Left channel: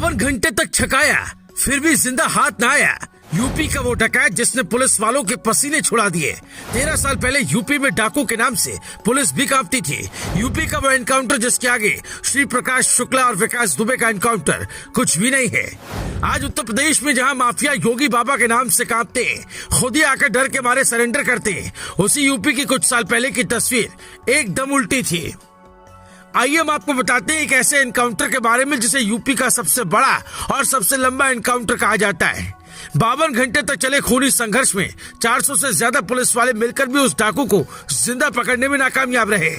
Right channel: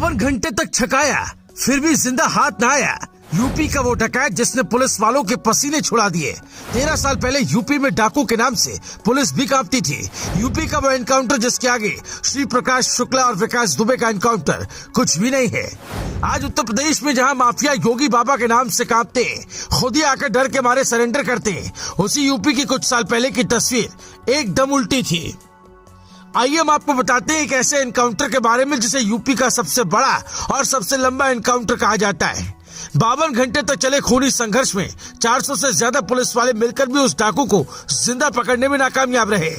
52 घंटे तक छकाया फिर भी जिंदा हाथ न आया। यूपी का वो डकैत जिसने पुलिस वालों के पसीने छुड़ा दिए। 13 साल पहले यूपी में डाकू के नाम से पुलिस भी कांपती थी। यूपी का वो एनकाउंटर जिसके आगे श्री प्रकाश शुक्ला और विकास दुबे का एनकाउंटर कुछ भी नहीं है। आज उत्तर प्रदेश में जहां माफिया योगी बाबा के नाम से कांपते, खुद ही आकर डर के मारे सरेंडर करते, उसी यूपी की कुछ साल पहले की तस्वीर एकदम उल्टी थी। आइए हम आपको बताते हैं एक ऐसे एनकाउंटर के बारे में जिसे यूपी का सबसे बड़ा और सबसे लंबा एनकाउंटर कहा जाता है। 52 घंटे तक चले खूनी संघर्ष में 400 से ज्यादा पुलिस वाले मिलकर भी उस डाकू को जिंदा पकड़ने में नाकामयाब रहे।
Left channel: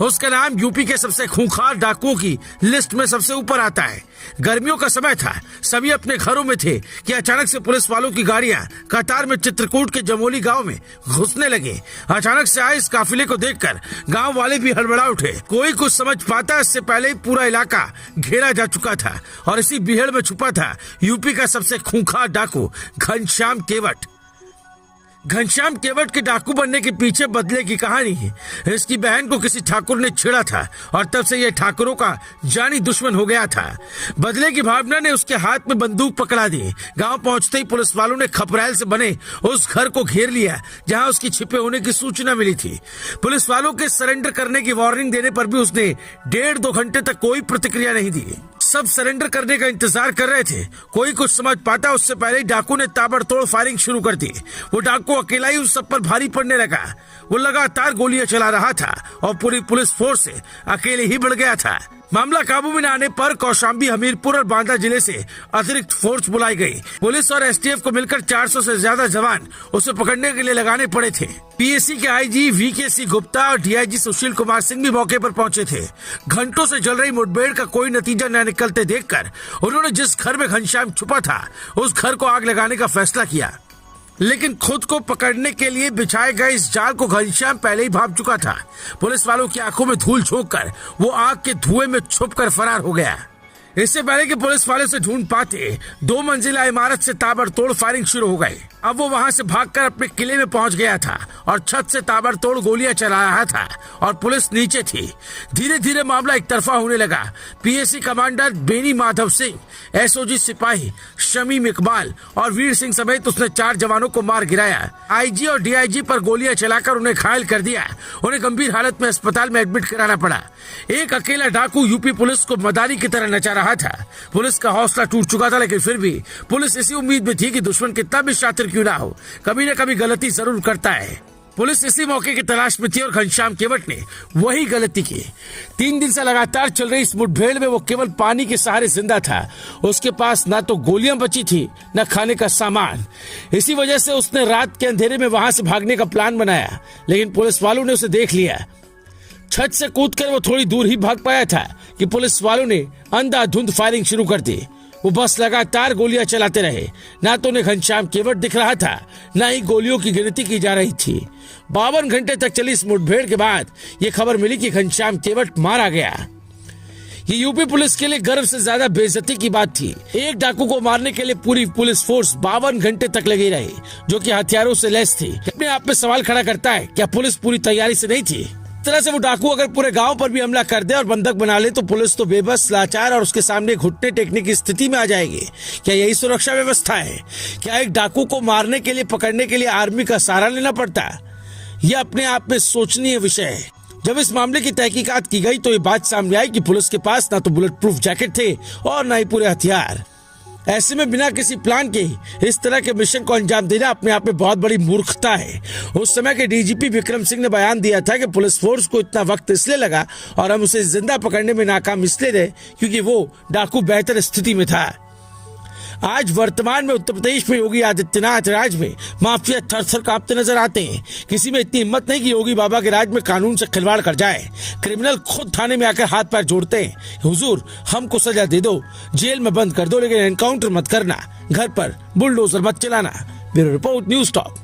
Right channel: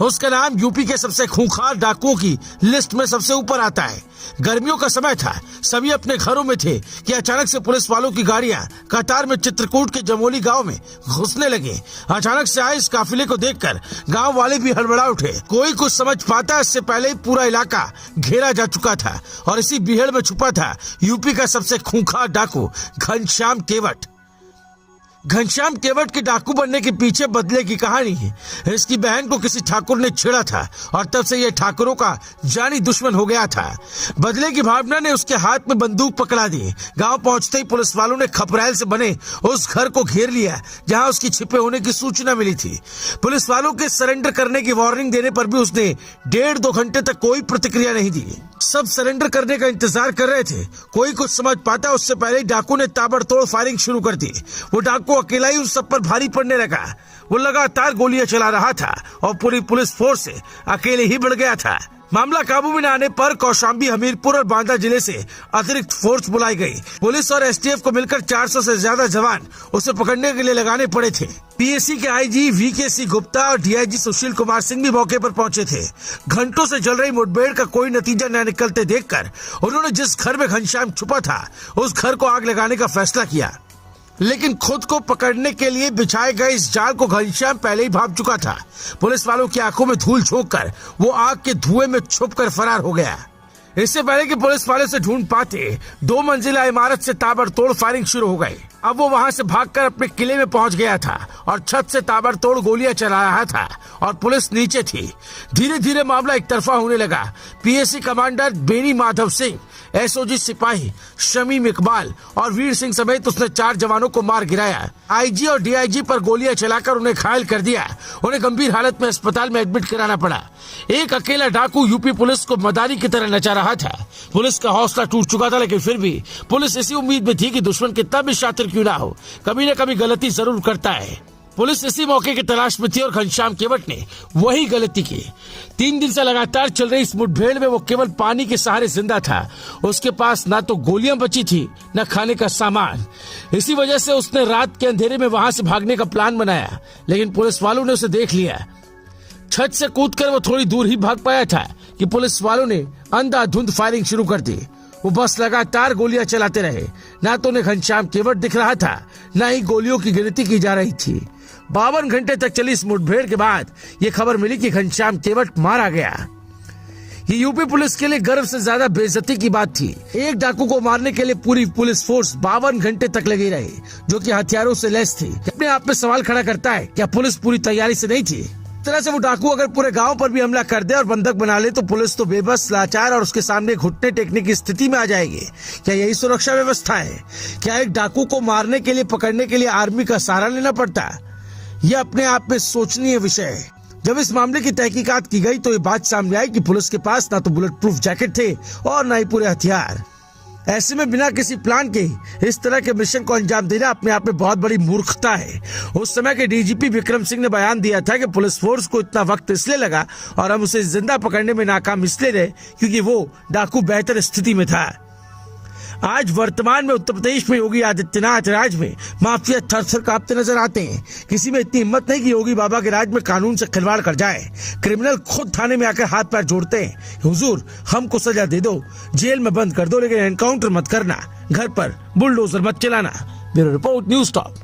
उसका नाम यूपी के सबसे खूंखार डाकुओं की लिस्ट में सबसे ऊपर आता है। गर्मियों का समय था, सभी अपने घरों में थे कि अचानक से पुलिस वालों की गाड़ियां कतार में चित्रकूट के जमोली गांव में घुसने लगे। अचानक से आए इस काफिले को देखकर गांव वाले भी हड़बड़ा उठे। कोई कुछ समझ पाता, इससे पहले ही पूरा इलाका घेरा जा चुका था और इसी बीहड़ में छुपा था यूपी का सबसे खूंखार डाकू घनश्याम केवट। घनश्याम केवट के डाकू बनने के पीछे बदले की कहानी है। इसकी बहन को किसी ठाकुर ने छेड़ा था और तब से ये ठाकुरों का जानी दुश्मन हो गया था। बदले की भावना ने उसके हाथ में बंदूक पकड़ा दी। गांव पहुंचते ही पुलिस वालों ने खपराइल से बने उस घर को घेर लिया जहां उसकी छिपे होने की सूचना मिली थी। पुलिस वालों के सरेंडर करने की वार्निंग देने पर भी उसने 1.5-2 घंटे तक कोई प्रतिक्रिया नहीं दी। सब सरेंडर करने का इंतजार कर रहे थे। कोई कुछ समझ पाता, उससे पहले ही डाकू ने ताबड़तोड़ फायरिंग शुरू कर दी। वो डाकू अकेला ही उस सब पर भारी पड़ने लगा। वो लगातार गोलियां चला रहा था और पूरी पुलिस फोर्स से अकेले ही बढ़ गया था। मामला काबू में न आने पर कौशाम्बी, हमीरपुर और बांदा जिले से अतिरिक्त फोर्स बुलाई गई। पुलिस और एसटीएफ को मिलकर 400 से ज्यादा जवान उसे पकड़ने के लिए लगाने पड़े थे। पीएससी के आईजी वीकेसी गुप्ता और डीआईजी सुशील कुमार सिंह भी मौके पर पहुंचे थे। घंटों से चल रही मुठभेड़ का कोई नतीजा न निकलते देखकर उन्होंने जिस घर में घनश्याम छुपा था उस घर को आग लगाने का फैसला किया। लेकिन खुद को पकड़ने के लिए बिछाए गए इस जाल को घनश्याम पहले ही भाप चुका था। पुलिस वालों की आंखों में धूल झोंककर वो आग के धुएं में छुपकर फरार हो गया। इससे पहले कि पुलिस वाले से ढूंढ पाते, 2 मंजिला इमारत से ताबड़तोड़ फायरिंग शुरू हो गई। अब वो वहां से भागकर अपने किले में पहुंच गया था और छत से ताबड़तोड़ गोलियां चला रहा था और पुलिस नीचे थी। धीरे धीरे मामला एक तरफा होने लगा। PSC commander Beni Madhav Singh, SOG सिपाही शमीम इकबाल और वीर सिंह समेत उसने 4 जवानों को मार गिराया। आईजी और डीआईजी पर गोलियां चलाकर उन्हें घायल कर दिया। उन्हें गंभीर हालत में अस्पताल में एडमिट कराना पड़ा। एक अकेला डाकू यूपी पुलिस को मदारी की तरह नचा रहा था। पुलिस का हौसला टूट चुका था, लेकिन फिर भी पुलिस इसी उम्मीद में थी कि दुश्मन कितना भी शातिर क्यों ना हो, कभी न कभी गलती जरूर करता है। पुलिस इसी मौके की तलाश में थी और घनश्याम केवट ने वही गलती की। 3 दिन से लगातार चल रही इस मुठभेड़ में वो केवल पानी के सहारे जिंदा था। उसके पास ना तो गोलियां बची थी न खाने का सामान। इसी वजह से उसने रात के अंधेरे में वहां से भागने का प्लान बनाया, लेकिन पुलिस वालों ने उसे देख लिया। छत से कूदकर वो थोड़ी दूर ही भाग पाया था कि पुलिस वालों ने अंधाधुंध फायरिंग शुरू कर दी। वो बस लगातार गोलियां चलाते रहे। ना तो उन्हें घनश्याम केवट दिख रहा था, न ही गोलियों की गिनती की जा रही थी। 52 घंटे तक चली इस मुठभेड़ के बाद ये खबर मिली कि घनश्याम केवट मारा गया। ये यूपी पुलिस के लिए गर्व से ज्यादा बेइज्जती की बात थी। एक डाकू को मारने के लिए पूरी पुलिस फोर्स 52 घंटे तक लगी रही, जो कि हथियारों से लैस थी। अपने आप में सवाल खड़ा करता है, क्या पुलिस पूरी तैयारी से नहीं थी? तरह से वो डाकू अगर पूरे गांव पर भी हमला कर दे और बंधक बना ले तो पुलिस तो बेबस, लाचार और उसके सामने घुटने टेकने की स्थिति में आ जाएगी। क्या यही सुरक्षा व्यवस्था है? क्या एक डाकू को मारने के लिए, पकड़ने के लिए आर्मी का सहारा लेना पड़ता? यह अपने आप में सोचनीय विषय है। जब इस मामले की तहकीकात की गई तो ये बात सामने आई कि पुलिस के पास ना तो बुलेट प्रूफ जैकेट थे और न ही पूरे हथियार। ऐसे में बिना किसी प्लान के इस तरह के मिशन को अंजाम देना अपने आप में बहुत बड़ी मूर्खता है। उस समय के डीजीपी विक्रम सिंह ने बयान दिया था कि पुलिस फोर्स को इतना वक्त इसलिए लगा और हम उसे जिंदा पकड़ने में नाकाम इसलिए रहे क्योंकि वो डाकू बेहतर स्थिति में था। आज वर्तमान में उत्तर प्रदेश में योगी आदित्यनाथ राज में माफिया थर-थर कांपते नजर आते हैं। किसी में इतनी हिम्मत नहीं कि योगी बाबा के राज में कानून से खिलवाड़ कर जाए। क्रिमिनल खुद थाने में आकर हाथ पैर जोड़ते हैं, हुजूर हमको सजा दे दो, जेल में बंद कर दो, लेकिन एनकाउंटर मत करना, घर पर बुलडोजर मत चलाना। Bureau report, news top.